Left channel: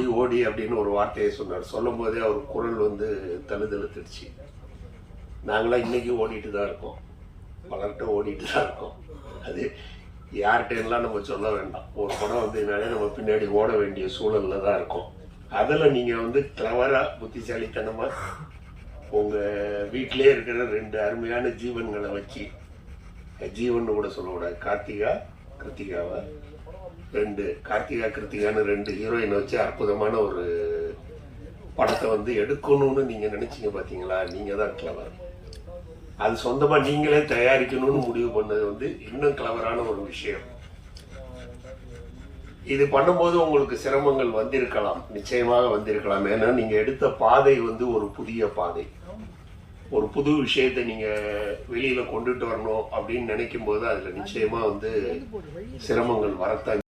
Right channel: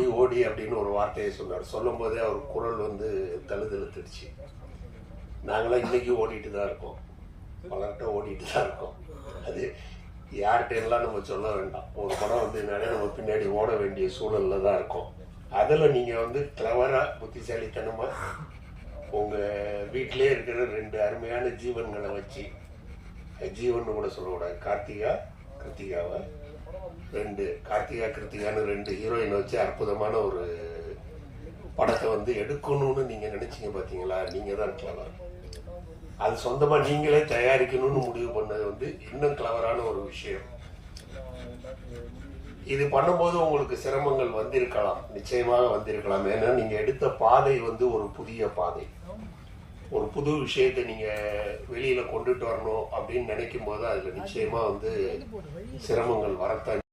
ஓடி ஓடி அப்படின்னு ஒரு வார்த்தையை சொன்னார். சொல்லும் போதே அவர் குரல் வந்து தழுதழுத்துடுச்சு. நாங்களாம் இன்னைக்கு ஓடிட்டு தான் இருக்கோம், பலர்கிட்ட ஓடிட்டு தான் இருக்கோம். அது யார்கிட்டலாம் நம்ம சொல்ல வேண்டாம். ஒரு படம் வந்ததுனாலே நம்ம பின்னாடி ஓட வேண்டிய சூழல்ல தான் இருக்கோம். அதில் நீங்கள் வந்து கிளவரா புத்திசாலித்தனமாக உங்கள் வீட்டிலே இருக்கிற 2 அருமையான ஜீவன்களை வச்சு, ஜீவன் கூட சொல்லக்கூடாது, கிருத்திகாவை 2 கிருத்திகான்னு 2 ஹீரோயின் வச்சு அற்புதமான ஒரு படத்தை வந்து எடுக்கணும்னு நீங்கள் நினச்சிங்க பார்த்தீங்களா? நீங்கள் தான் கிளவர். அது சொந்தமாக நீங்களே தயாரிக்கணும்னு முடிவு பண்ணது வந்து இன்னும் கிளவரான ஒரு விஷயம். இது பண்ணும்போது உங்களுக்கு சிரமங்கள் வந்திருக்கலாம், நிச்சயமாக வந்திருக்கலாம். ஏன்னா நீங்கள் எடுத்த பாதை வந்து ஒரு புதிய பாதை. ஒரு புது விஷயத்தை நீங்கள் வெளியில் கொண்டுட்டு வரணும் அப்படின்னு நினைக்கும் போது அதில் நிச்சயமாக வந்து சிரமங்கள் வரத்தான்